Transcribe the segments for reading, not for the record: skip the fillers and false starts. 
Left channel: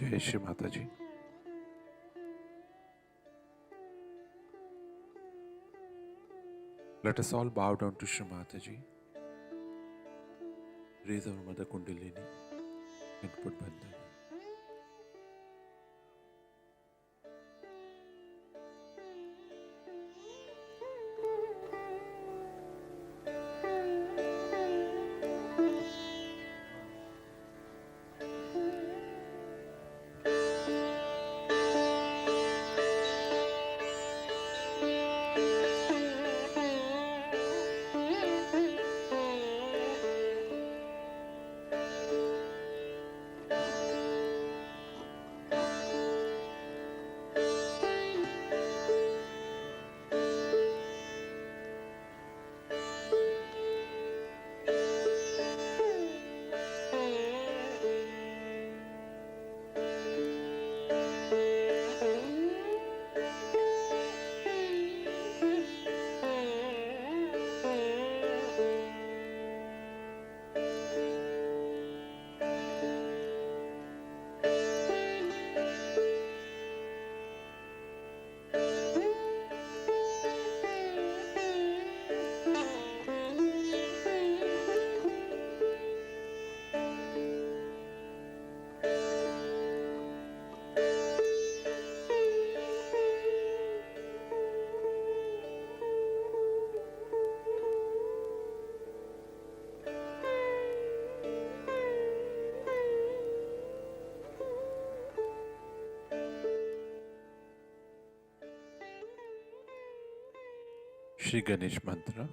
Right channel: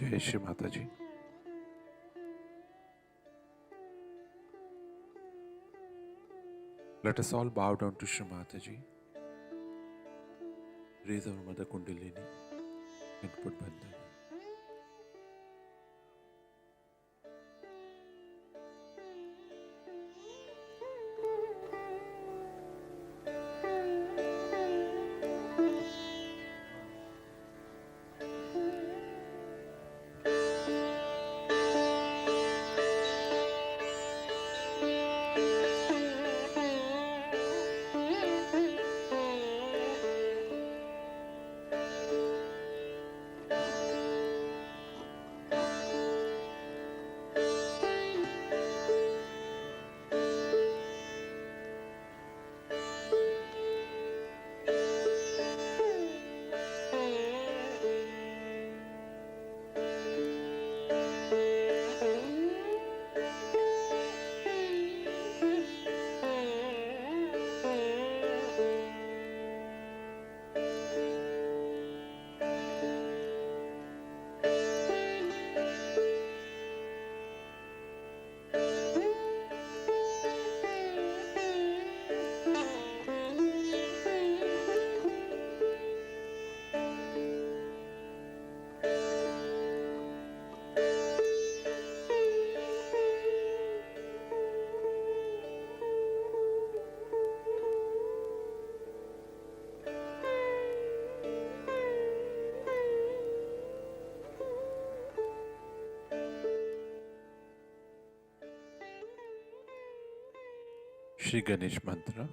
जय श्री माता जी। Let us all bow down to Shri Mataji. Raise our Mother Kundalini and put bandhan. Shri Ganesh Mantra.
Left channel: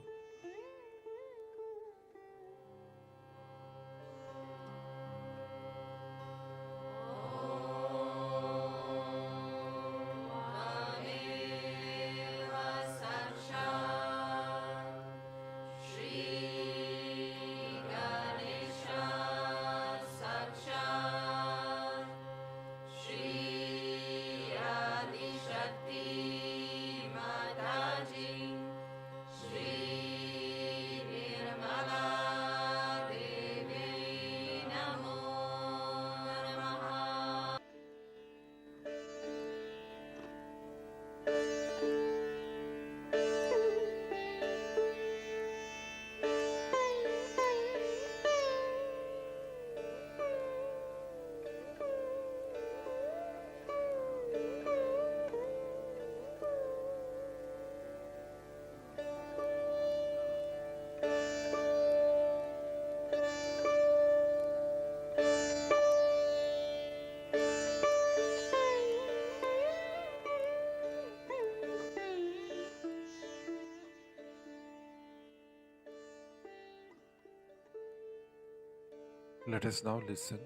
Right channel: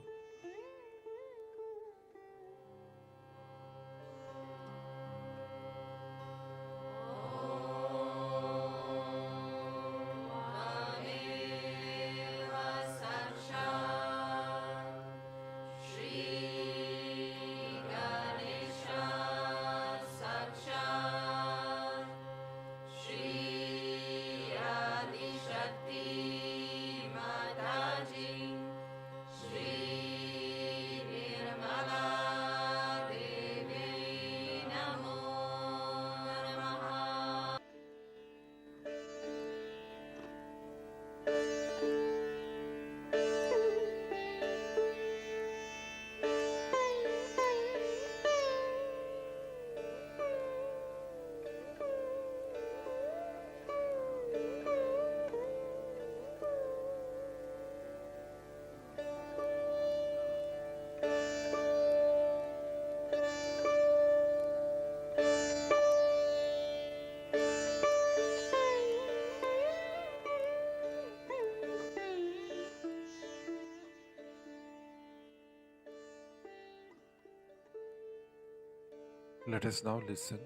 Let us now listen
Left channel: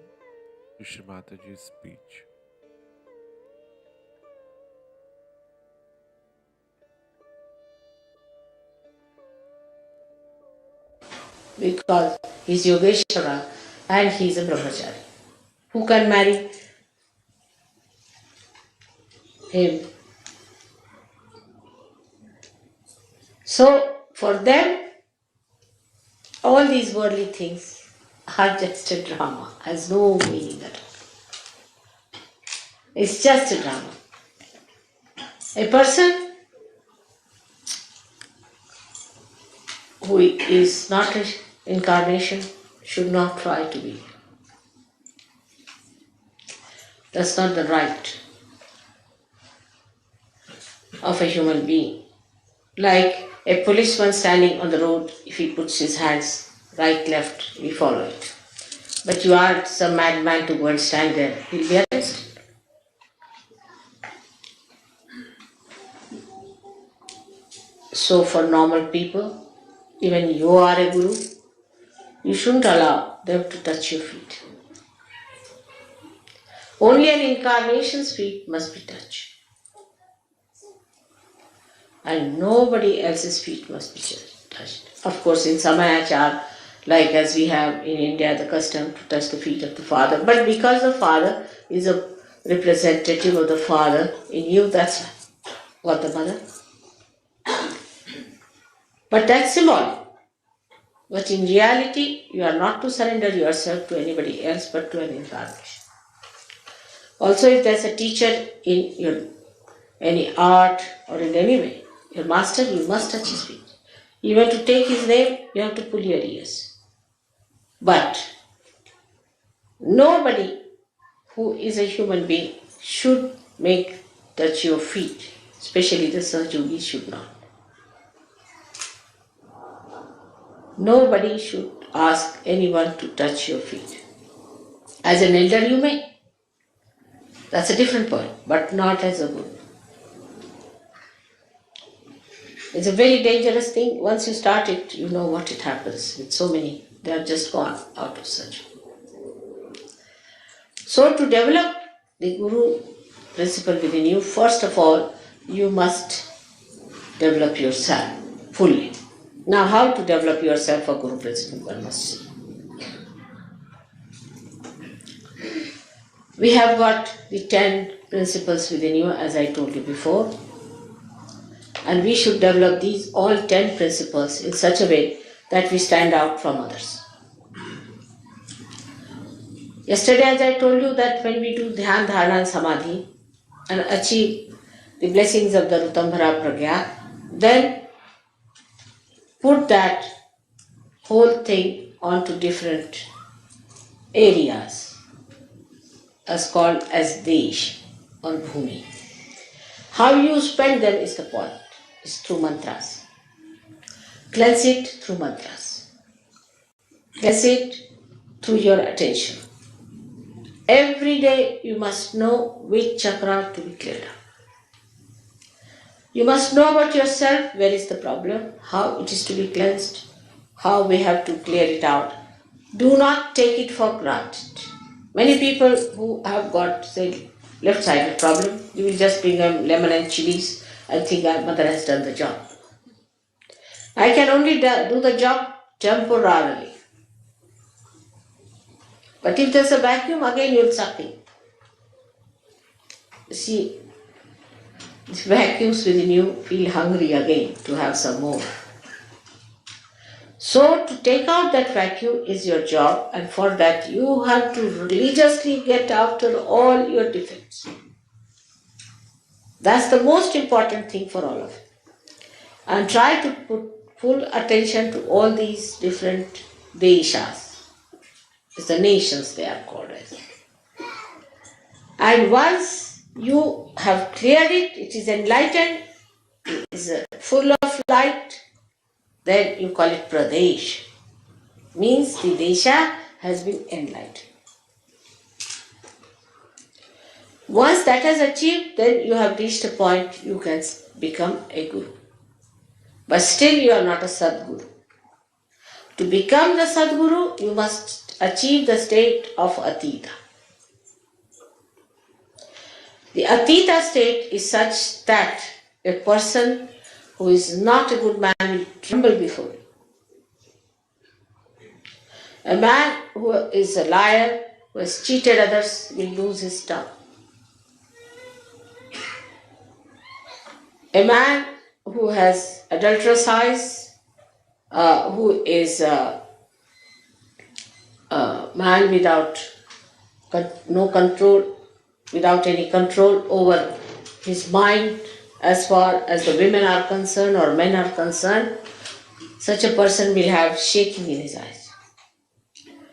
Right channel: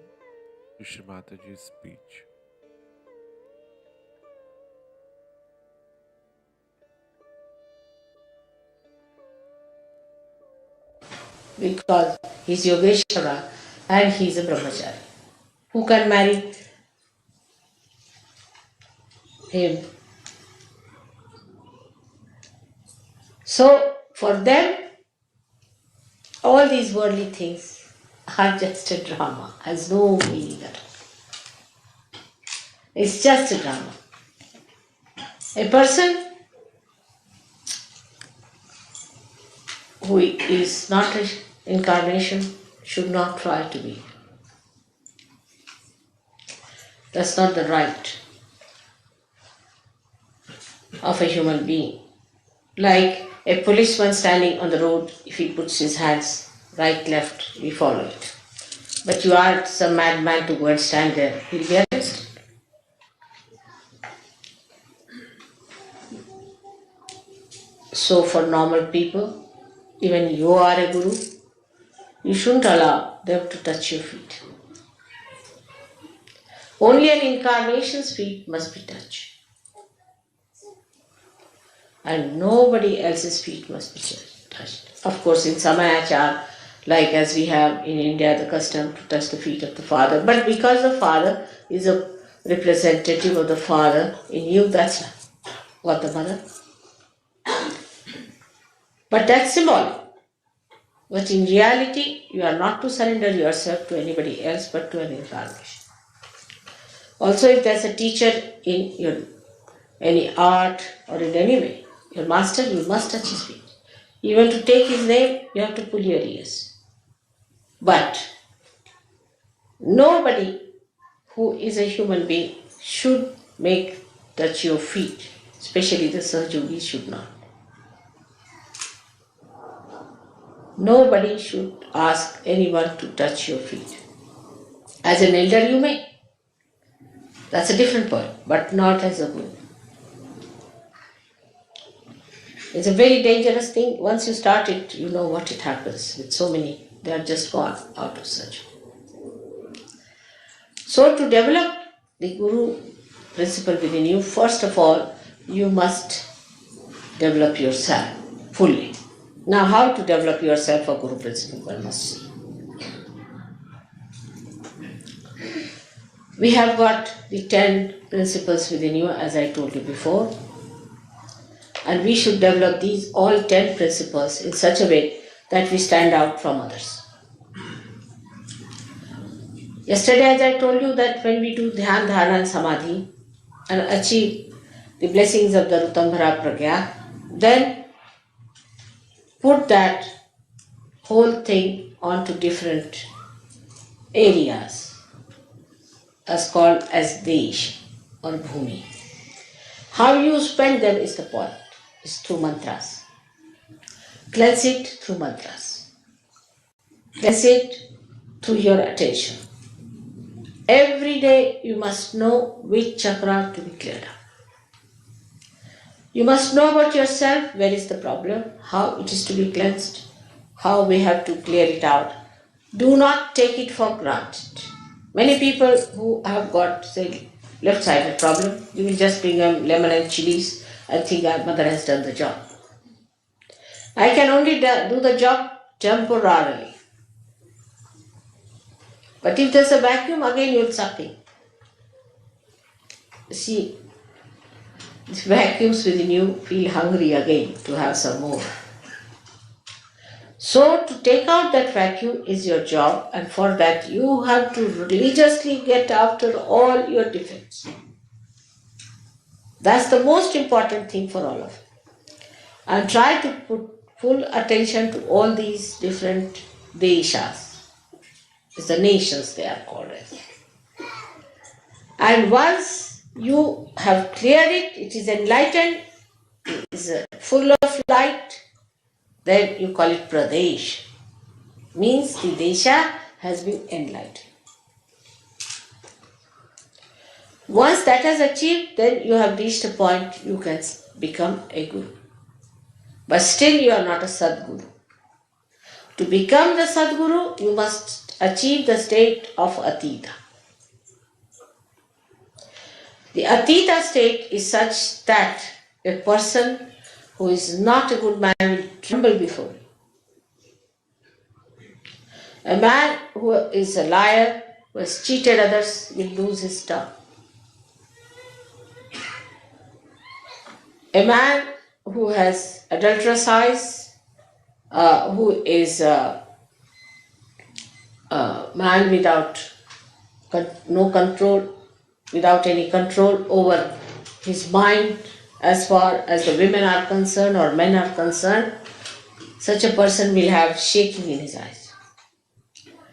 to Shri Mataji's speech. Because he's Yogeshwara and he's a brahmachari. Who can marry him? So, for them, all these worldly things are just a drama, has no meaning at all. It's just a drama. A person who is not an incarnation should not try to be. That's not the right of a human being. Like a policeman standing on the road, if he puts his hands right, left, we follow it. But you are some madman to go and stand there, he'll be arrested. So for normal people, even you are a guru, you shouldn't allow them to touch your feet. Only an incarnation's feet must be touched. And nobody else's feet must be touched. Of course, in Samayachar, like as we have in India the custom to touch the feet of the father, but because the father is a representative of the father in you, that's what the mother. But that's symbolic. But in reality, you are not to surrender yourself to anybody else but to an incarnation. Also, if there's a teacher in your any art or in any way, your master, you must touch his feet. Even to take his name, you have to pull your ears. But nobody who is a human being should touch your feet, especially the Sahajogis should not. Nobody should ask anyone to touch your feet. As an elder you may. That's a different point, but not as a guru. It's a very dangerous thing. Once you start it, you know what it happens with so many. They are just gone out of such. So to develop the guru principle within you, first of all, you must develop yourself fully. Now, how to develop yourself for guru principle, one must see. We have got the 10 principles within you, as I told you before. And we should develop these all 10 principles in such a way that we stand out from others. Yesterday, as I told you, that when we do Dhyan, Dharana and Samadhi and achieve the blessings of the Rutambhara Pragya, then put that whole thing onto different areas as called as Desh or Bhumi. How you spend them is the point, is through mantras. Cleanse it through mantras. Cleanse it through your attention. Every day you must know which chakra to be cleared up. You must know about yourself, where is the problem, how it is to be cleansed, how we have to clear it out. Do not take it for granted. Many people who have got, say, left-sided problem, you will just bring them lemon and chilies and think our mother has done the job. I can only do the job temporarily. But if there's a vacuum, again you'll suck in. See, the vacuums within you feel hungry again to have some more. So to take out that vacuum is your job, and for that you have to religiously get after all your defects. That's the most important thing for all of you. And try to put full attention to all these different deshas. It's the nations they are called as. And once you have cleared it, it is enlightened, it is full of light, then you call it Pradesh. Means the Desha has been enlightened. Once that has achieved, then you have reached a point you can become a Guru. But still you are not a Sadguru. To become the Sadguru, you must achieve the state of Atita. The Atita state is such that a person who is not a good man will tremble before you. A man who is a liar, who has cheated others, will lose his tongue. A man who has adulterous eyes, who is a man without no control, without any control over his mind as far as the women are concerned or men are concerned, such a person will have shaking in his eyes.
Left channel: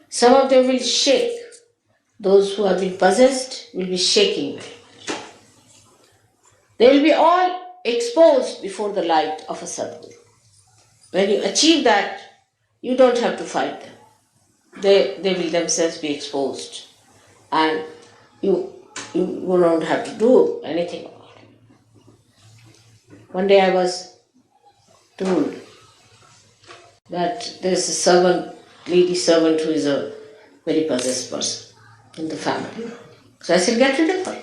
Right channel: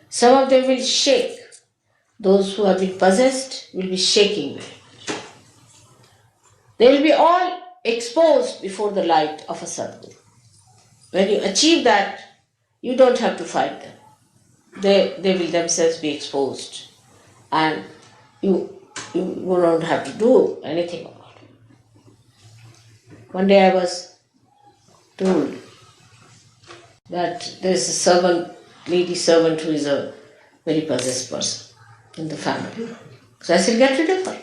Some of them will shake. Those who have been possessed will be shaking. They will be all exposed before the light of a Sadguru. When you achieve that, you don't have to fight them. They will themselves be exposed, and you don't have to do anything about it. One day I was told that there is a servant, lady servant, who is a very possessed person in the family. So I said, get rid of her.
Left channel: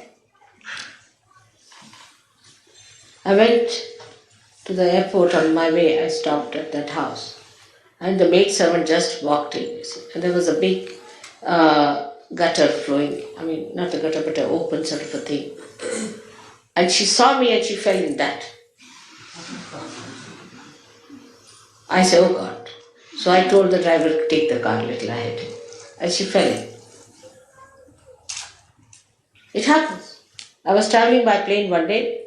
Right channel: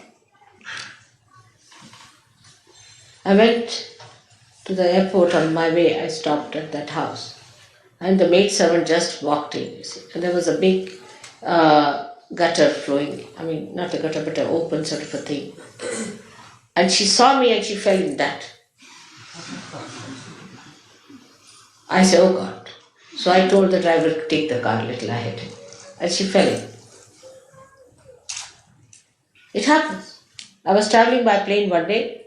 I went to the airport. On my way, I stopped at that house. And the maid servant just walked in, you see. And there was a big gutter flowing. I mean, not a gutter, but an open sort of a thing. And she saw me and she fell in that. I said, oh God. So I told the driver to take the car a little ahead. And she fell in. It happens. I was traveling by plane one day,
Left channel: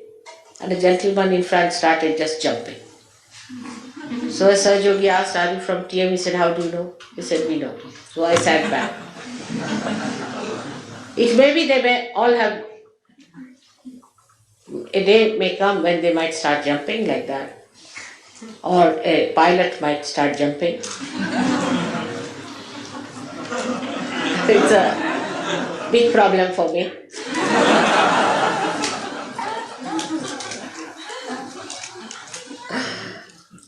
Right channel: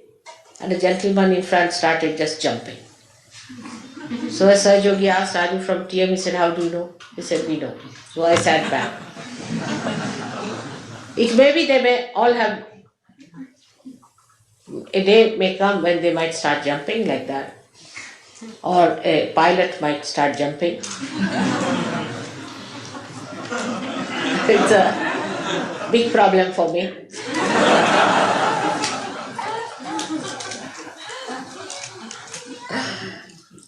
and a gentleman in front started just jumping. So as Sahaja Yogi asked, are you from TM? He said, how do you know? He said, we know. So I sat back. It may be they may all have, a day may come when they might start jumping like that. Or a pilot might start jumping. It's a big problem for me.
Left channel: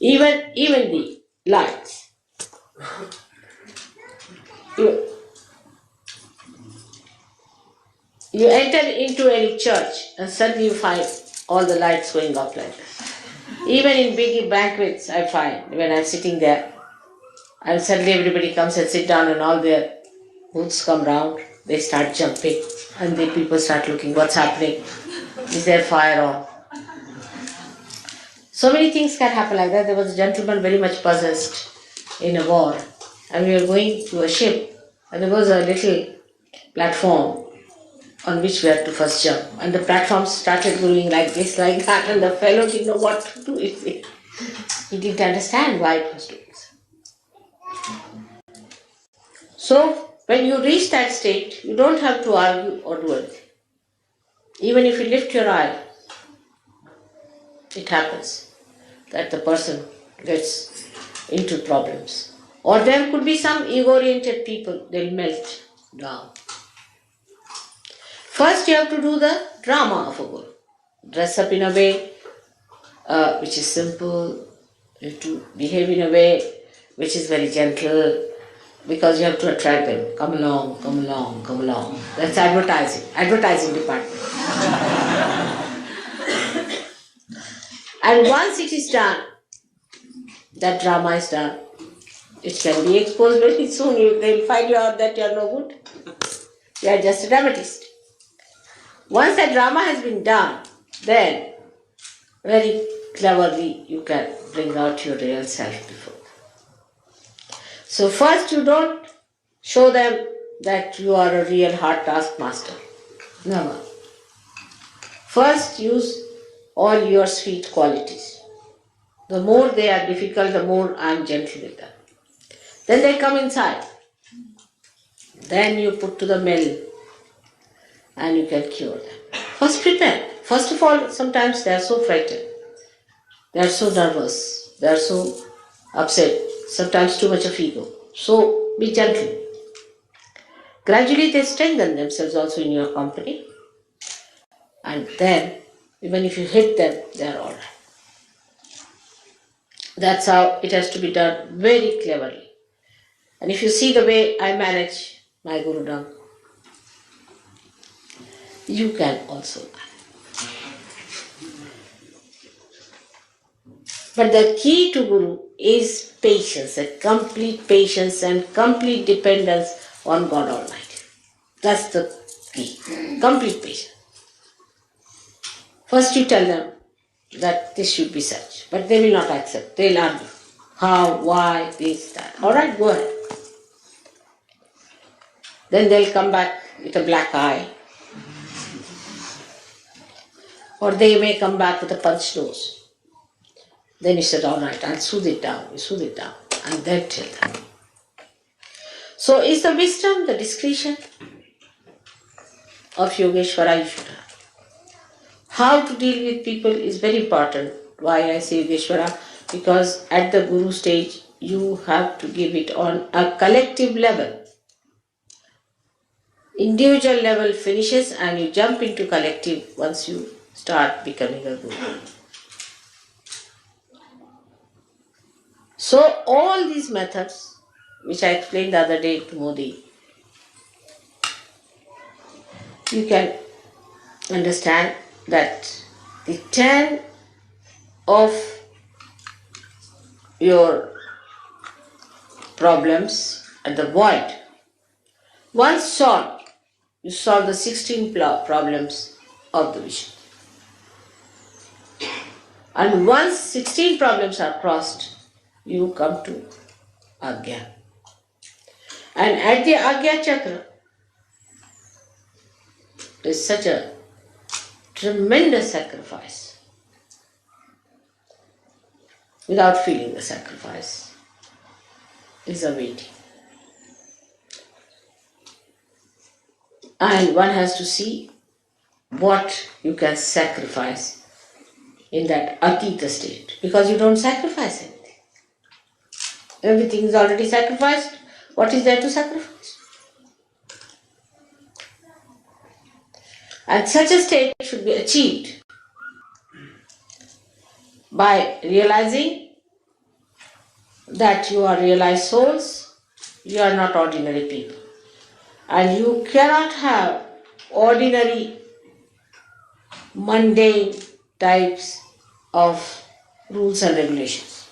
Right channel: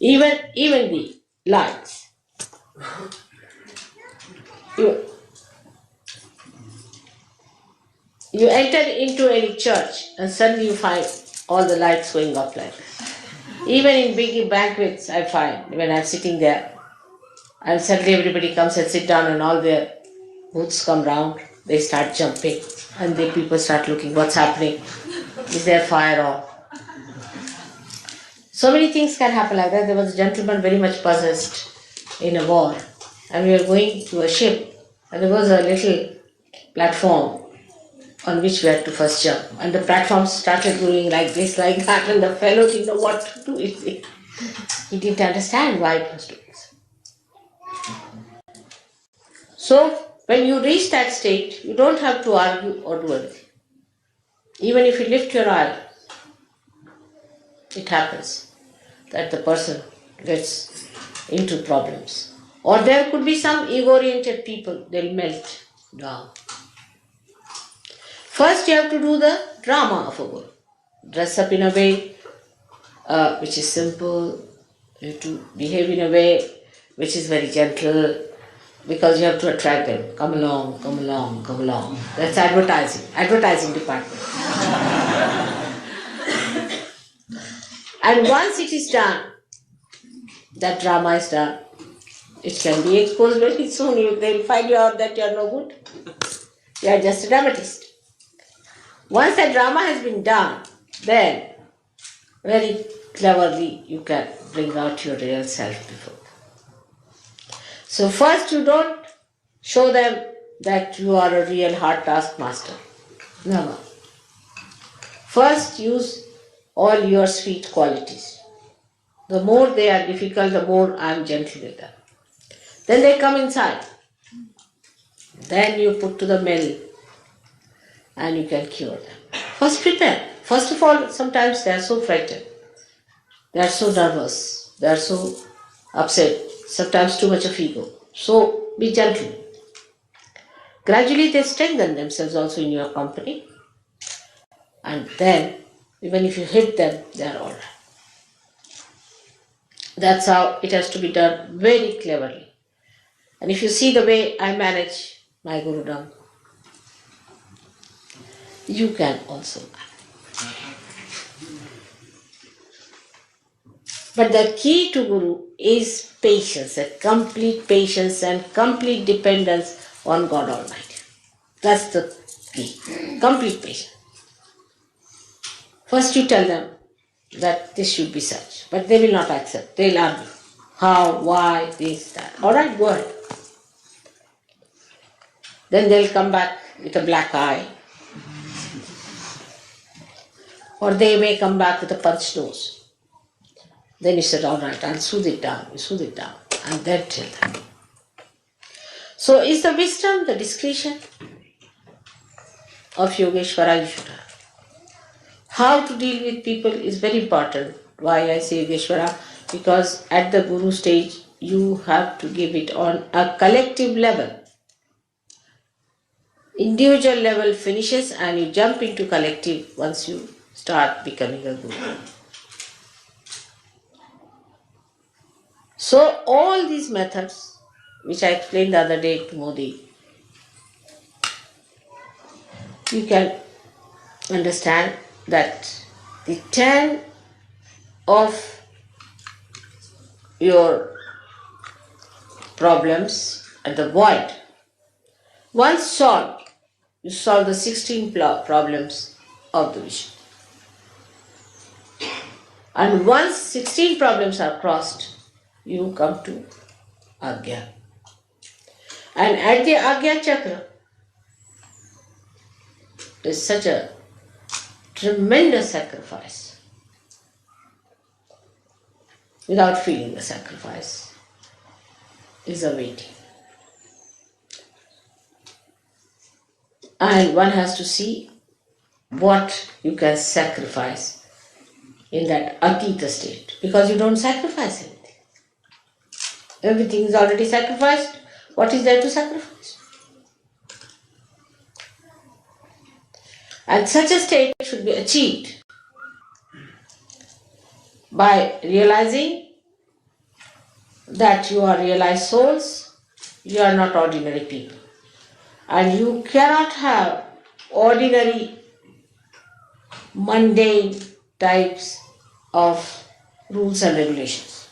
Even the lights. You enter into any church and suddenly you find all the lights going up like this. Even in big banquets, I find when I'm sitting there, and suddenly everybody comes and sit down and all their booths come round, they start jumping, and the people start looking, what's happening? Is there fire on? So many things can happen like that. There was a gentleman very much possessed in a war, and we were going to a ship, and there was a little platform on which we had to first jump. And the platform started going like this, like that, and the fellow didn't know what to do with it. He didn't understand why it was doing so. So, when you reach that state, you don't have to argue or do anything. Even if you lift your eye, it happens that the person gets into problems. Or there could be some ego-oriented people, they'll melt down. First you have to do the drama of a guru. Dress up in a way, which is simple. You have to behave in a way which is very gentle, because you have to attract them. Come along, come along, come along. That's advertising department. And once it is done, that drama is done. It can be exposed very soon. They'll find you out that you're no good. You are just a dramatist. Once that drama has been done, then very cleverly you can bring out your real self before them. So first you don't show them that you are a real hard taskmaster. Never. First use all your sweet qualities. The more they are difficult, the more I am gentle with them. Then they come inside. Then you put to the mill and you can cure them. First prepare. First of all, sometimes they are so frightened. They are so nervous. They are so upset. Sometimes too much of ego. So be gentle. Gradually they strengthen themselves also in your company. And then, even if you hit them, they are all right. That's how it has to be done, very cleverly. And if you see the way I manage my Gurudam, you can also manage. But the key to Guru is patience, a complete patience and complete dependence on God Almighty. That's the key, complete patience. First you tell them that this should be such, but they will not accept. They'll argue. How, why, this, that. All right, go ahead. Then they'll come back with a black eye. Or they may come back with a punched nose. Then you said, all right, I'll soothe it down. You soothe it down. And then tell them. So is the wisdom, the discretion of Yogeshwara you should have. How to deal with people is very important. Why I say Yogeshwara? Because at the Guru stage, you have to give it on a collective level. Individual level finishes and you jump into collective once you start becoming a Guru. So all these methods, which I explained the other day to Modi, you can understand that the 10 of your problems at the void, once solved, you solve the 16 problems of the vision. And once 16 problems are crossed, you come to Agya. And at the Agya Chakra, there is such a tremendous sacrifice. Without feeling the sacrifice is awaiting. And one has to see what you can sacrifice in that Atita state, because you don't sacrifice anything. Everything is already sacrificed. What is there to sacrifice? And such a state should be achieved by realizing that you are realized souls, you are not ordinary people. And you cannot have ordinary, mundane types of rules and regulations.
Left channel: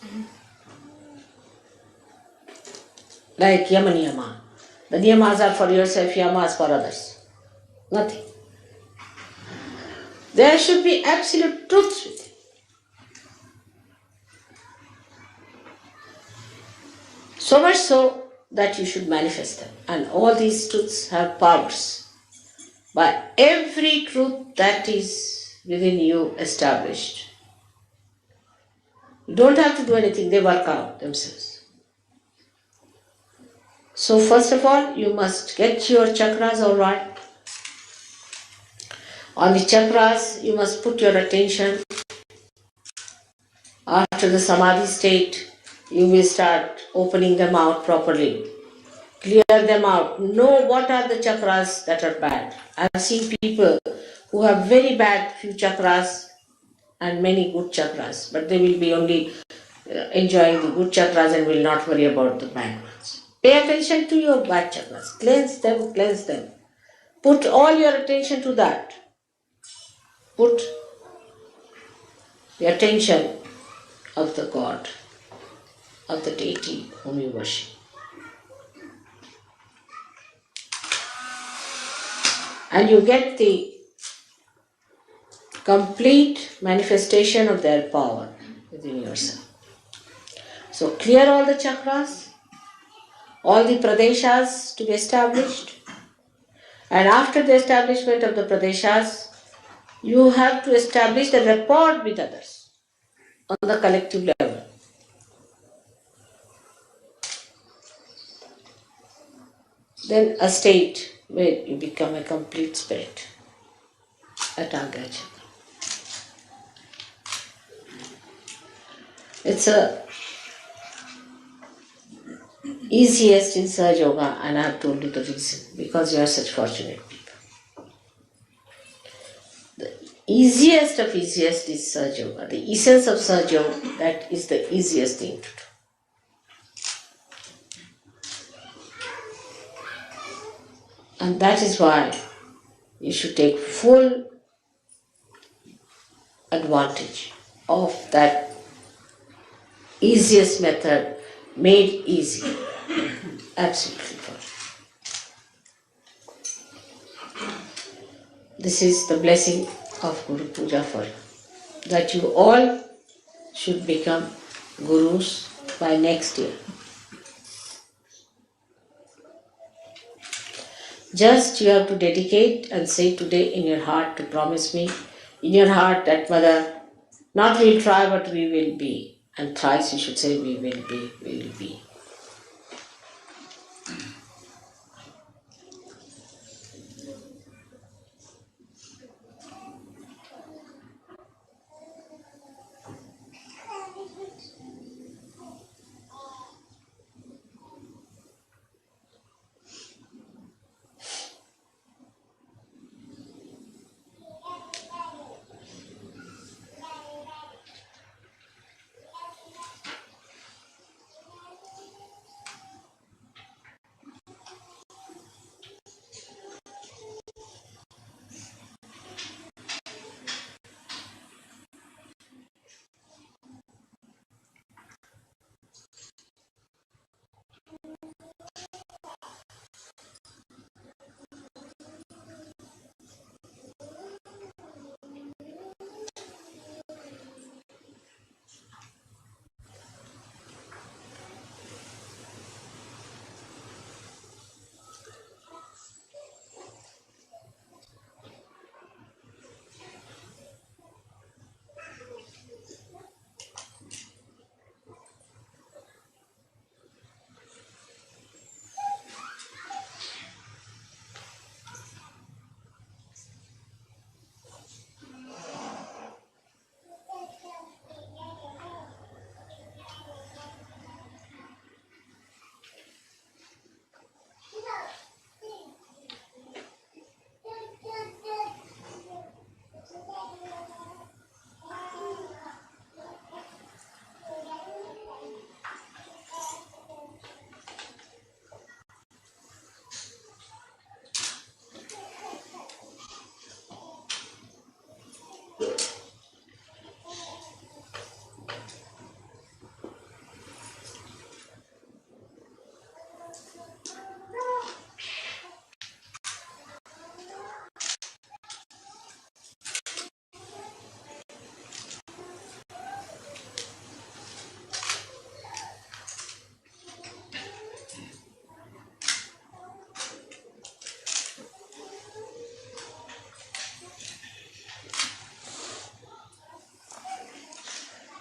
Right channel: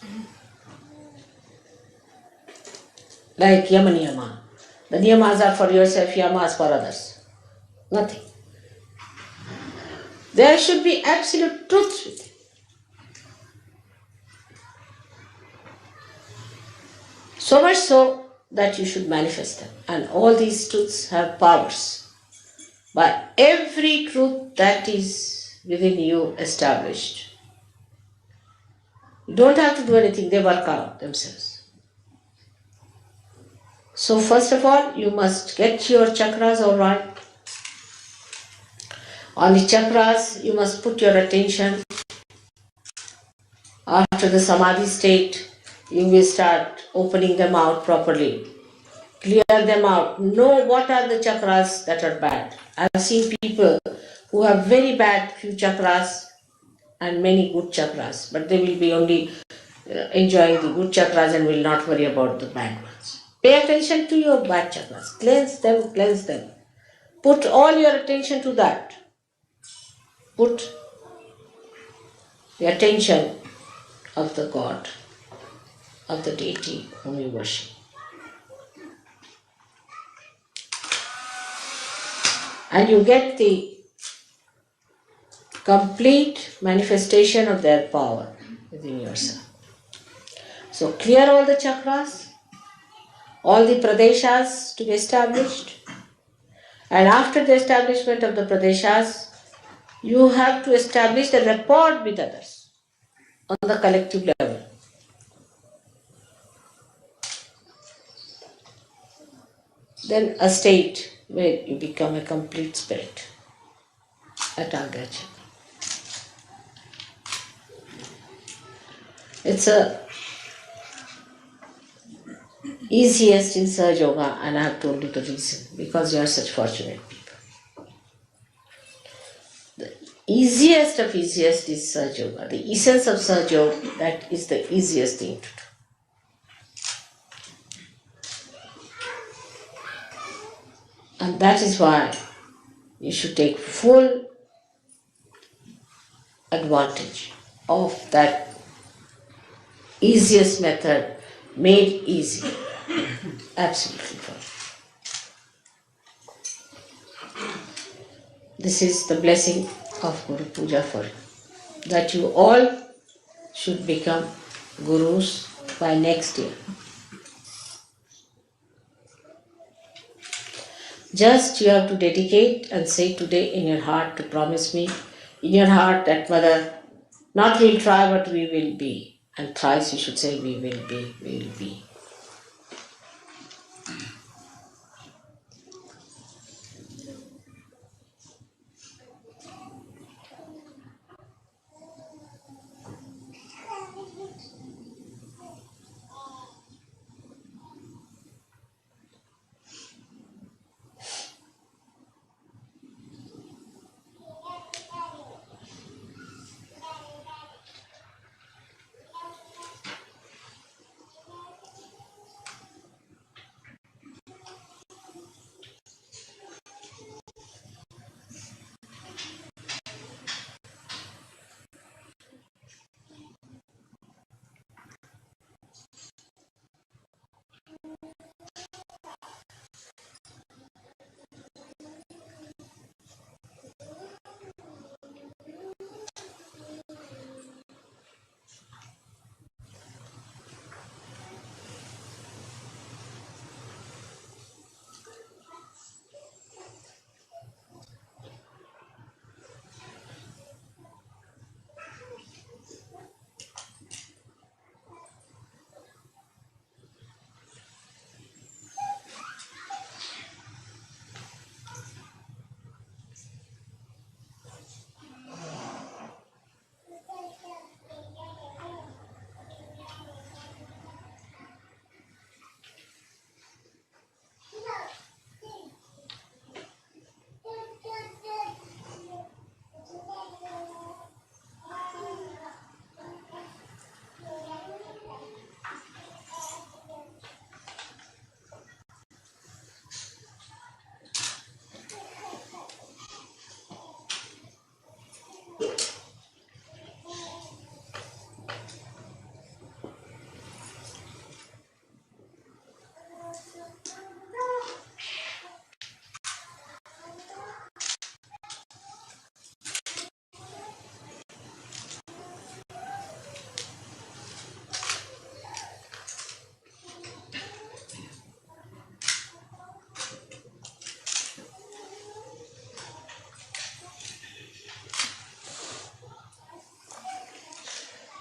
Like Yama Niyama. The Niyamas are for yourself, Yamas for others. Nothing. There should be absolute truth with it. So much so that you should manifest them. And all these truths have powers. By every truth that is within you established, you don't have to do anything, they work out themselves. So first of all, you must get your chakras all right. On the chakras, you must put your attention. After the samadhi state, you will start opening them out properly. Clear them out. Know what are the chakras that are bad. I have seen people who have very bad few chakras and many good chakras, but they will be only enjoying the good chakras and will not worry about the bad ones. Pay attention to your bad chakras. Cleanse them, cleanse them. Put all your attention to that. Put the attention of the God, of the deity whom you worship. And you get the complete manifestation of their power within yourself. So clear all the chakras, all the pradeshas to be established, and after the establishment of the pradeshas, you have to establish the rapport with others on the collective level. Then a state where you become a complete spirit, a Tagya chakra. It's a easiest in Sahaja Yoga, and I have told you the reason, because you are such fortunate people. The easiest of easiest is Sahaja Yoga. The essence of Sahaja Yoga, that is the easiest thing to do. And that is why you should take full advantage of that easiest method made easy. Absolutely fine. This is the blessing of Guru Puja for you, that you all should become gurus by next year. Just you have to dedicate and say today in your heart to promise me, in your heart that Mother, not we'll try but we will be. And thrice you should say we will be, we will be.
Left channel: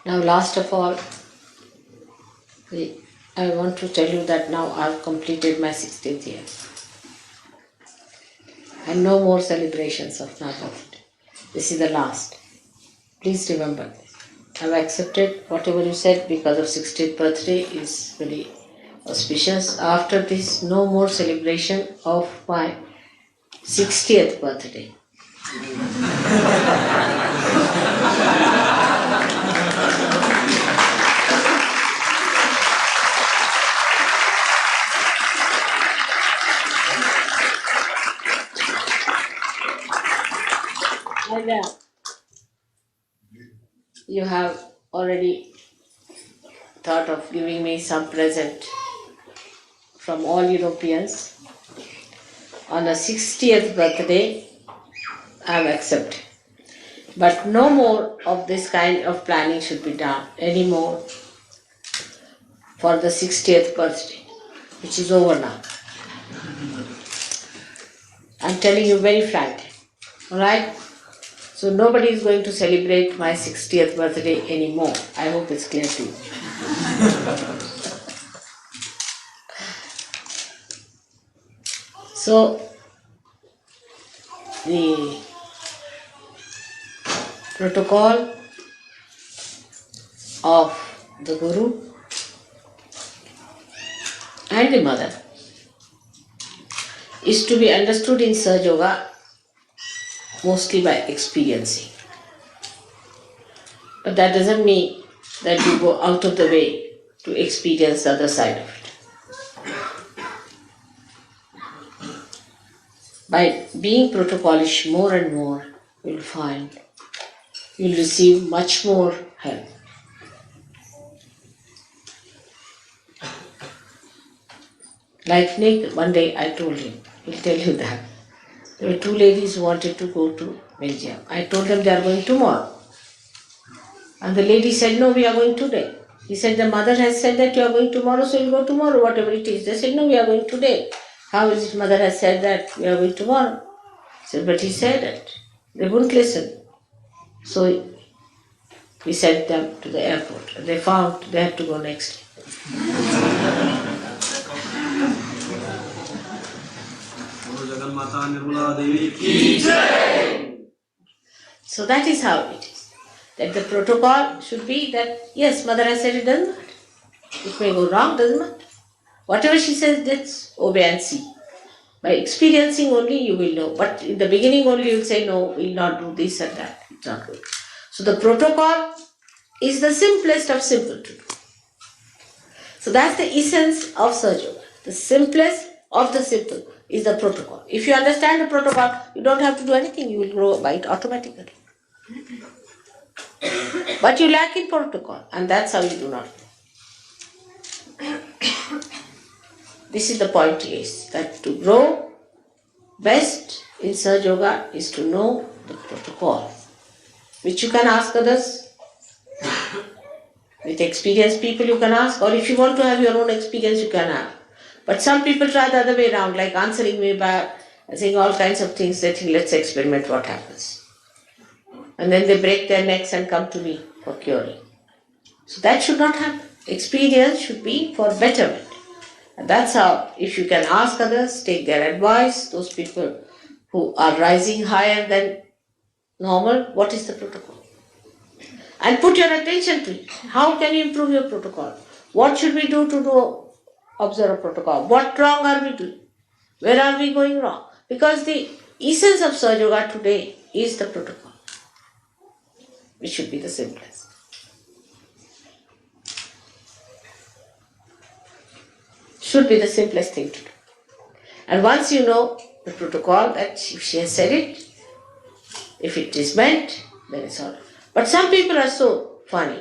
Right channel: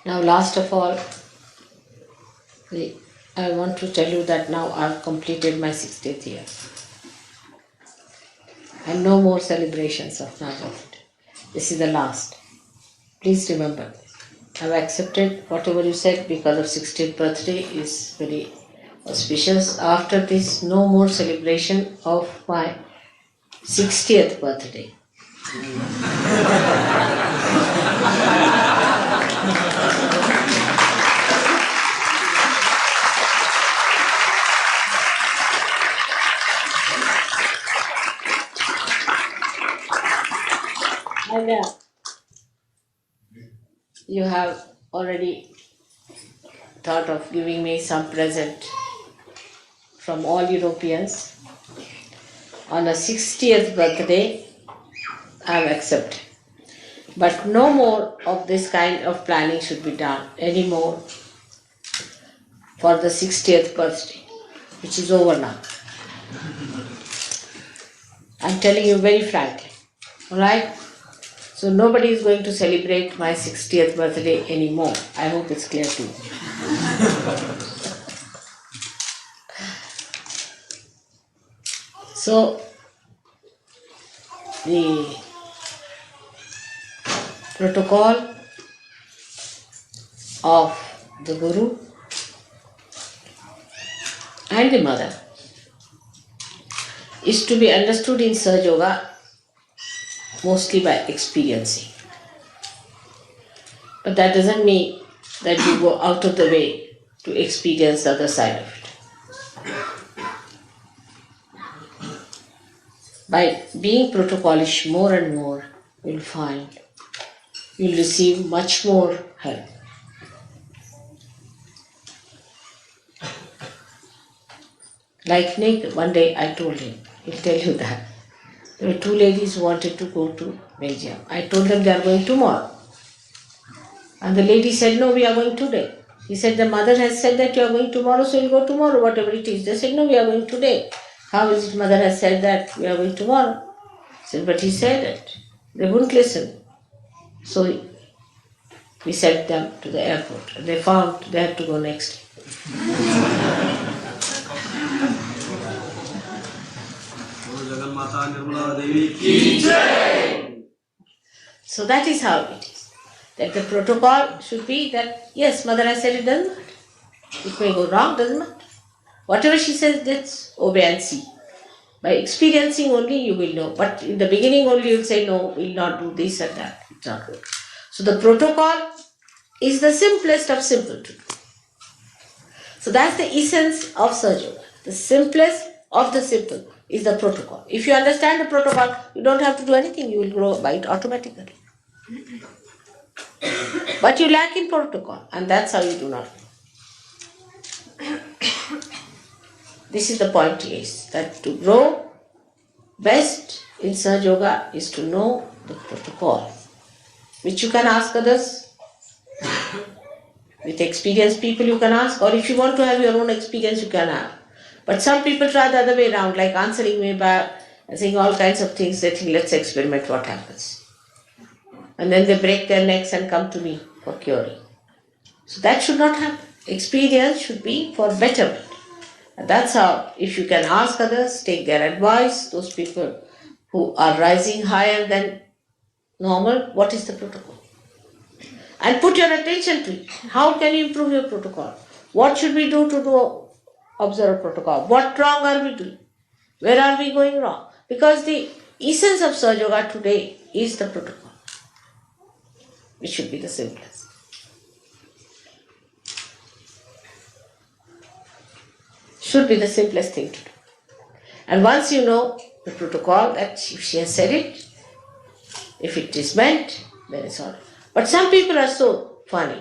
Now last of all, I want to tell you that now I've completed my 60th year. And no more celebrations of Navratri. This is the last. Please remember this. I've accepted whatever you said because of 60th birthday is very auspicious. After this, no more celebration of my 60th birthday. And you have already thought of giving me some present from all Europeans. On a 60th birthday, I have accepted. But no more of this kind of planning should be done anymore for the 60th birthday, which is over now. I'm telling you very frankly. Alright? So nobody is going to celebrate my 60th birthday anymore. I hope it's clear to you. So the protocol of the Guru and the Mother is to be understood in Sahaja Yoga mostly by experiencing. But that doesn't mean that you go out of the way to experience the other side of it. By being protocolish more and more, you'll find you'll receive much more help. Like Nick, one day I told him, he'll tell you that. There were two ladies who wanted to go to Belgium. I told them they are going tomorrow. And the lady said, no, we are going today. He said, the mother has said that you are going tomorrow, so you'll go tomorrow, whatever it is. They said, no, we are going today. How is it mother has said that we are going tomorrow? I said, but he said it. They wouldn't listen. So we sent them to the airport. And they found they had to go next day. So that is how it is. That the protocol should be that, yes, mother has said it doesn't matter. It may go wrong, doesn't matter. Whatever she says, let's obey and see. By experiencing only you will know. But in the beginning only you will say, no, we will not do this and that. It's not good. So the protocol is the simplest of simple to do. So that's the essence of Sahaja Yoga. The simplest of the simple is the protocol. If you understand the protocol, you don't have to do anything. You will grow by it automatically. But you lack in protocol, and that's how you do not know. This is the point, is that to grow best in Sahaja Yoga is to know the protocol, which you can ask others. With experienced people you can ask, or if you want to have your own experience, you can have. But some people try the other way around, like answering me by saying all kinds of things. They think, let's experiment what happens. And then they break their necks and come to me for curing. So that should not happen. Experience should be for betterment. And that's how, if you can ask others, take their advice, those people who are rising higher than normal, what is the protocol? And put your attention to it. How can you improve your protocol? What should we do to observe a protocol? What wrong are we doing? Where are we going wrong? Because the essence of Sahaja Yoga today is the protocol, which should be the simplest. Should be the simplest thing to do. And once you know the protocol, that if she has said it, if it is meant, then it's all. But some people are so funny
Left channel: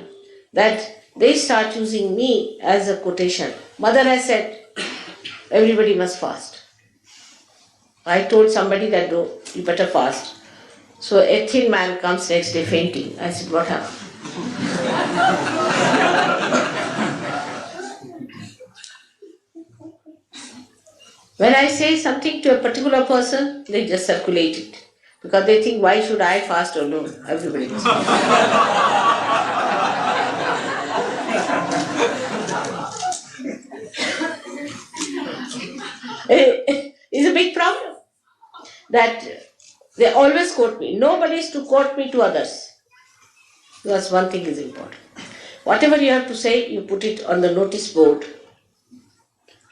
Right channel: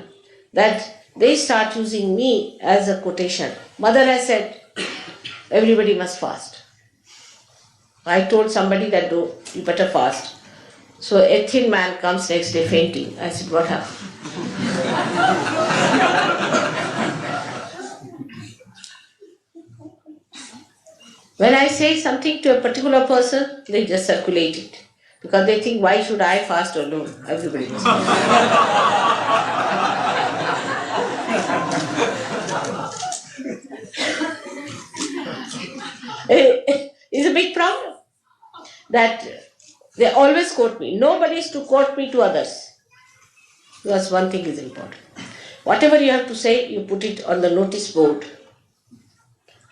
that they start using me as a quotation. Mother has said, everybody must fast. I told somebody that, no, you better fast. So a thin man comes next day fainting. I said, what happened? When I say something to a particular person, they just circulate it. Because they think, why should I fast alone? Everybody must It's a big problem. That they always quote me. Nobody is to quote me to others. Because one thing is important. Whatever you have to say, you put it on the notice board.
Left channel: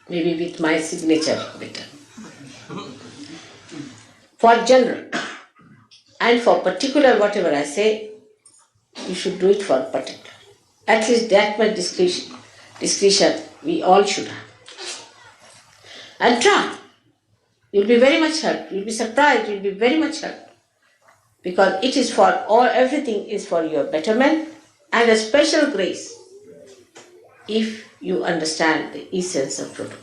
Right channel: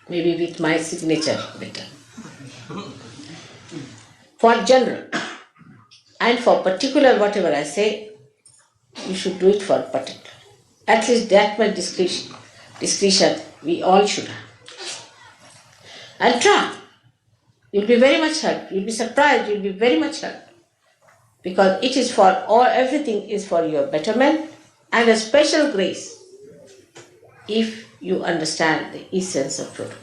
Maybe with my signature written. For general. And for particular, whatever I say, you should do it for particular. At least that much discretion we all should have. And try. You'll be very much helped. You'll be surprised. You'll be very much helped. because it is for all, everything is for your betterment and a special grace if you understand the essence of protocol.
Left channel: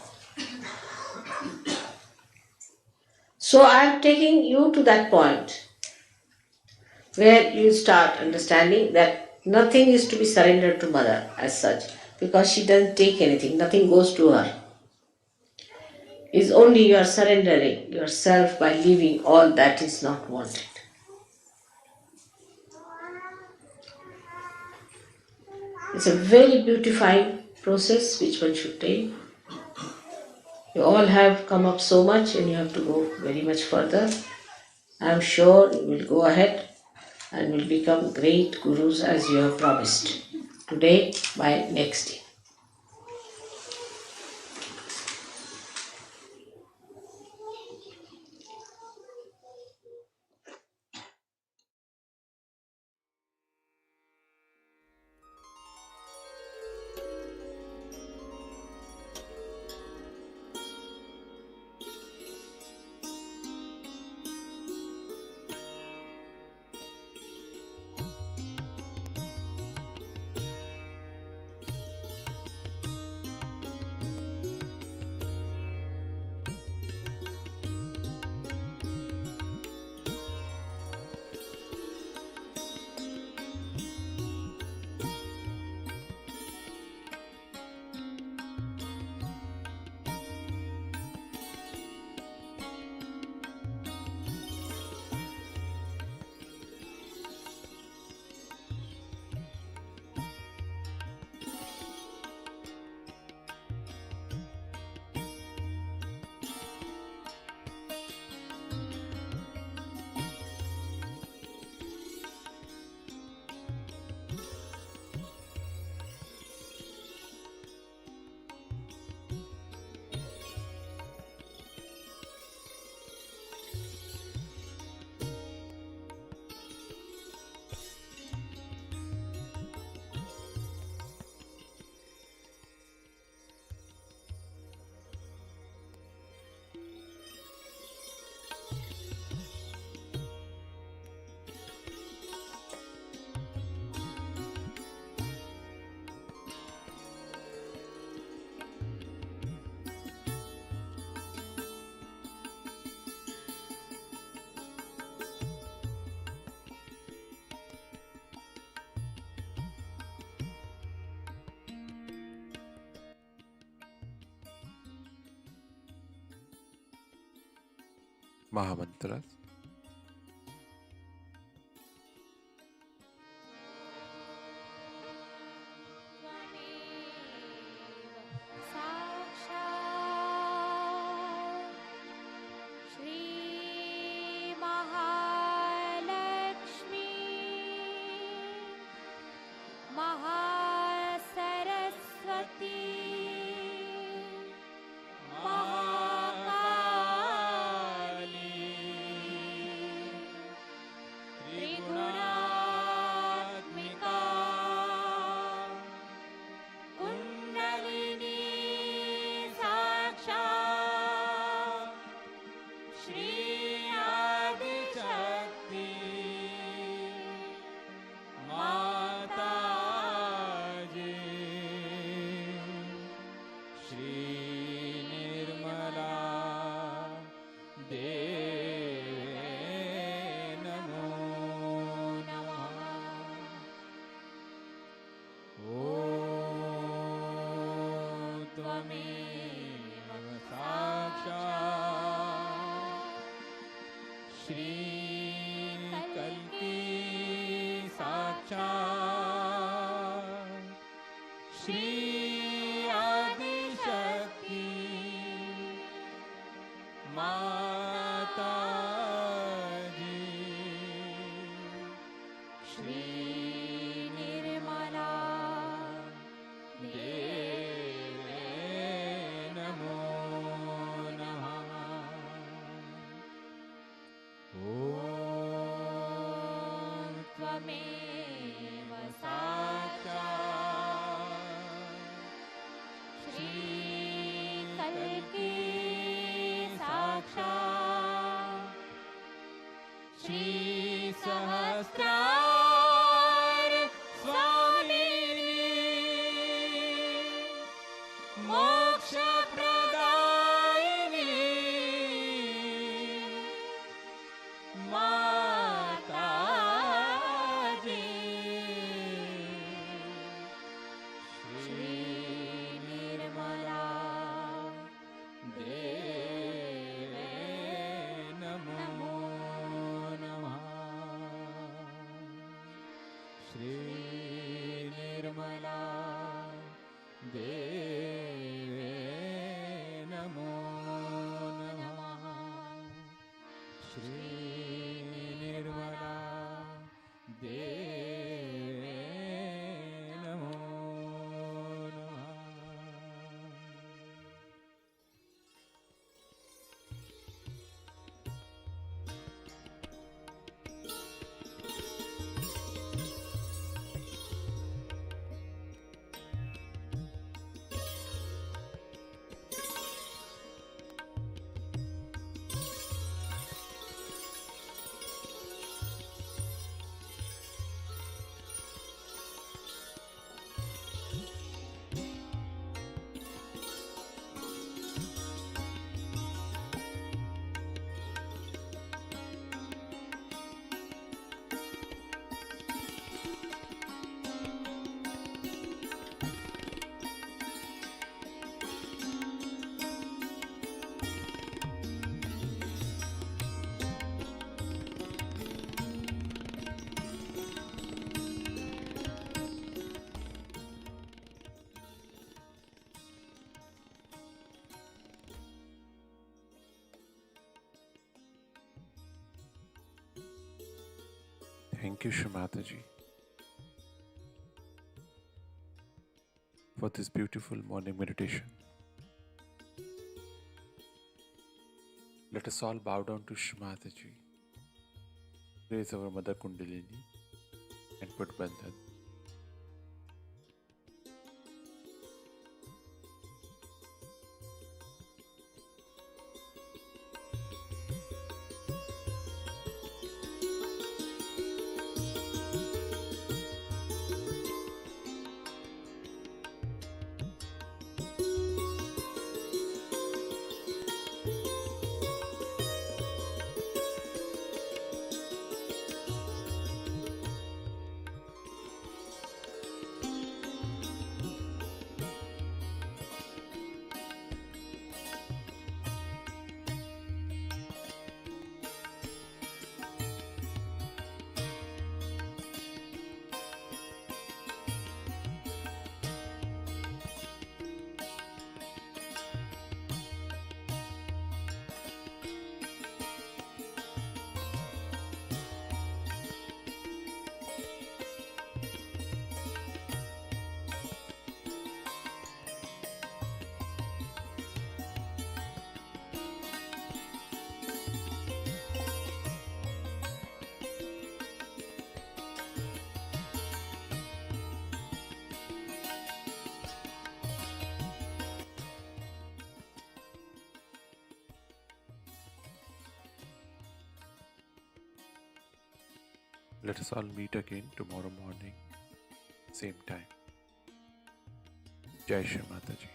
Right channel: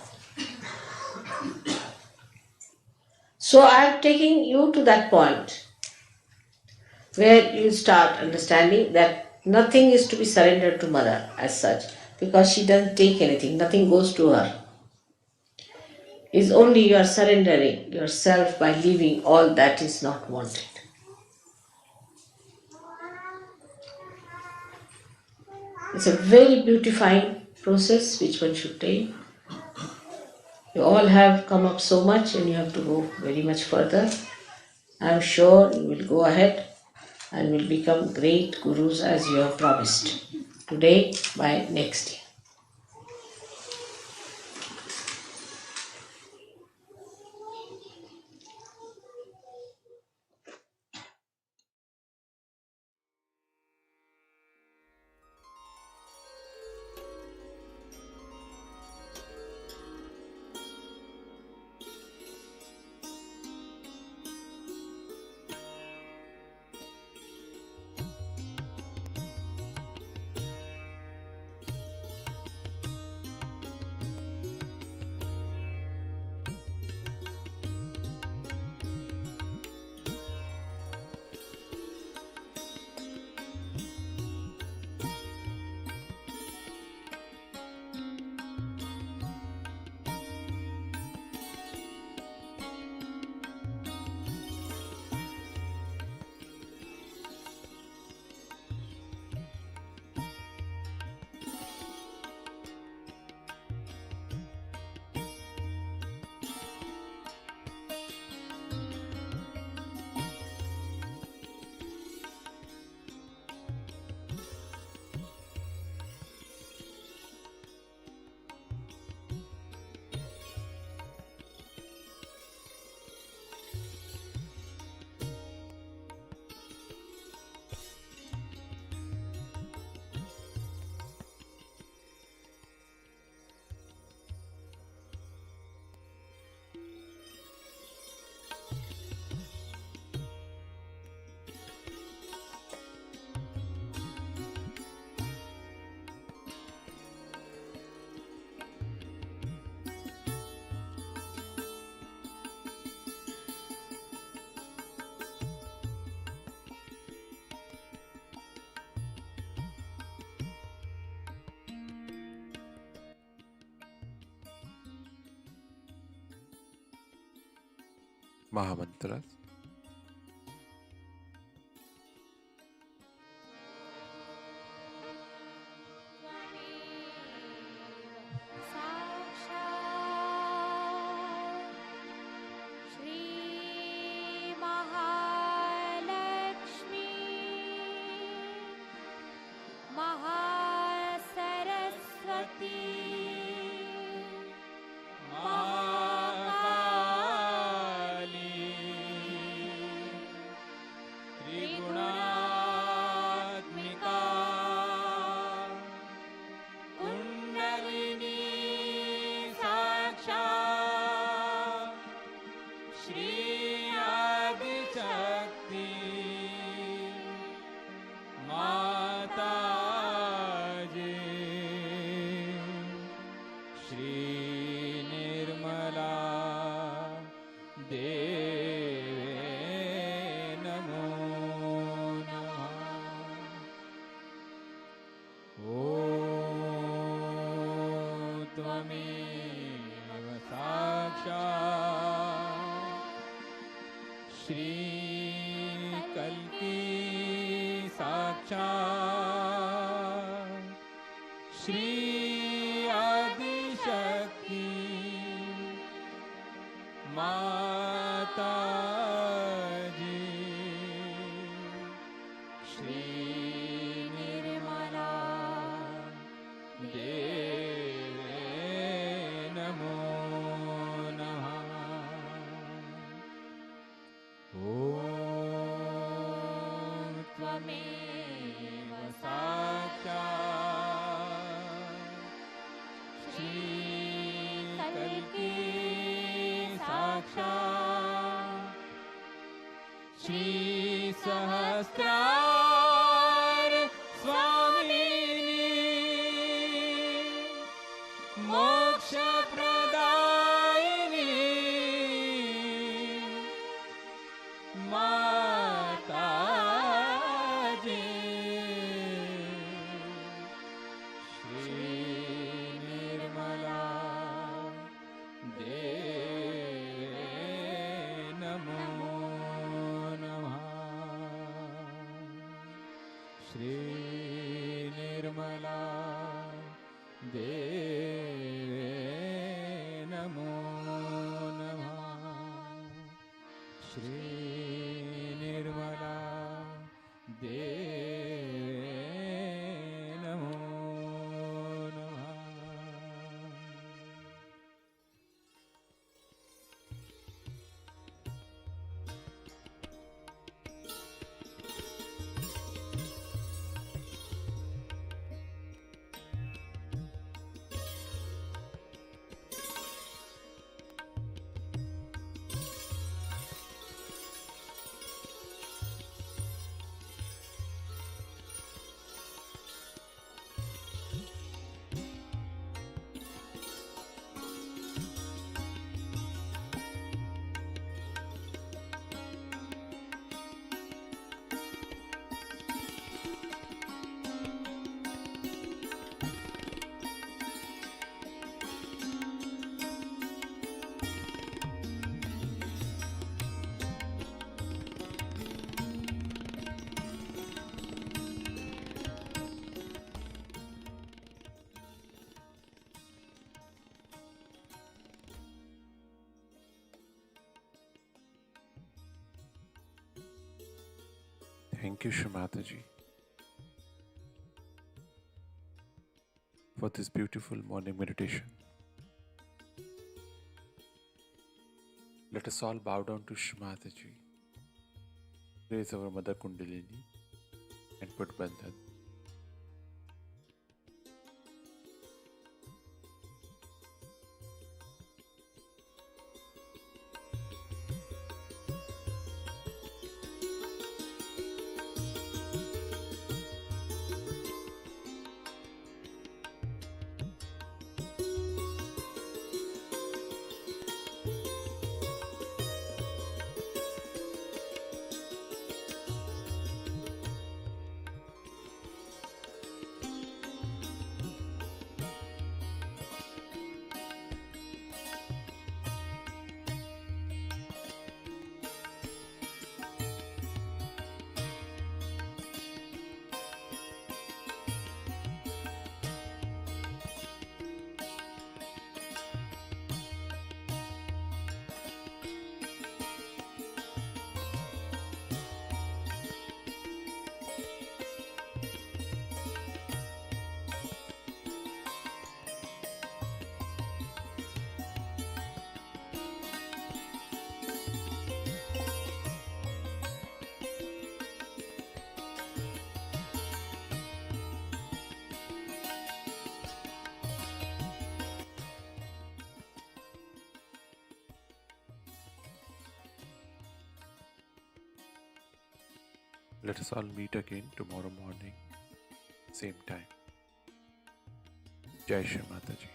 So I am taking you to that point where you start understanding that nothing is to be surrendered to mother as such, because she doesn't take anything, nothing goes to her. It's only you are surrendering yourself by leaving all that is not wanted. It's a very beautifying process which one should take. You all have come up so much and you have to go very much further. I am sure you will go ahead and will become great gurus as you have promised. Today, by next day. Mahamantras. सहस्रार स्वामिनी मोक्ष प्रदायिनी माताजी श्री निर्मला देवे नमो नमः। श्री निर्मला देवे नमो नमः। श्री निर्मला देवे नमो नमः। Thank you, Shrimataji, for this beautiful morning meditation. Let us all bow down to Shrimataji, raise our Mother Kundalini and put Bandhan. Let us all meet again tomorrow morning, same time. Jai Shri Mataji.